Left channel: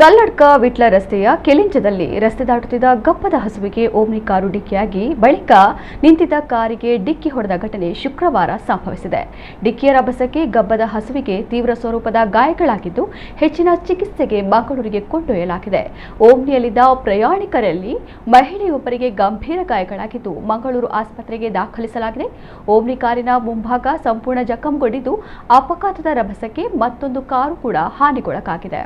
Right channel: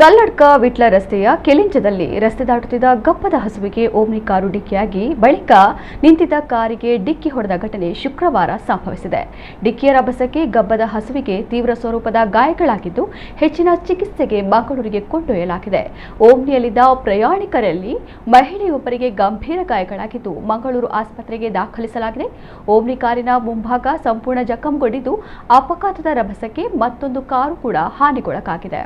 ಕಲ್ಲಡ್ಕ ವಿಟ್ಲ ರಸ್ತೆಯ ಕೆಲಿಂಚದಲ್ಲಿ ರಸ್ತೆ ದಾಟುತ್ತಿದ್ದ ಗಬ್ಬದ ಹಸುವಿಗೆ ಓಮ್ನಿ ಕಾರು ಡಿಕ್ಕಿಯಾಗಿ ಬಳಿಕ ನಿಂತಿದ್ದ ಕಾರಿಗೆ ಡಿಕ್ಕಿ ಹೊಡೆದ ಘಟನೆ ಶುಕ್ರವಾರ ಸಂಭವಿಸಿದೆ. ಡಿಕ್ಕಿಯ ರಭಸಕ್ಕೆ ಗಬ್ಬದ ಹಸುವಿಗೆ ತೀವ್ರ ಸ್ವರೂಪದ ಗಾಯಗಳಾಗಿದ್ದು ಹೆಚ್ಚಿನ ಚಿಕಿತ್ಸೆಗೆ ಮಂಗಳೂರಿಗೆ ಕೊಂಡೊಯ್ಯಲಾಗಿದೆ. ಓಮ್ನಿಯಲ್ಲಿದ್ದ ಪ್ರಯಾಣಿಕರಲ್ಲಿ ಮಹಿಳೆಯೊಬ್ಬರಿಗೆ ಗಂಭೀರ ಗಾಯಗಳಾಗಿದ್ದು ಮಂಗಳೂರು ಆಸ್ಪತ್ರೆಗೆ ದಾಖಲಿಸಲಾಗಿದೆ. ಓಮ್ನಿ ಕಾರಿನ ಮುಂಭಾಗ ಸಂಪೂರ್ಣ ಜಖಂಗೊಂಡಿದ್ದು ಅಪಘಾತದ ರಭಸಕ್ಕೆ ಮತ್ತೊಂದು ಕಾರು ಕೂಡ ಹಾನಿಗೊಳಗಾಗಿದೆ.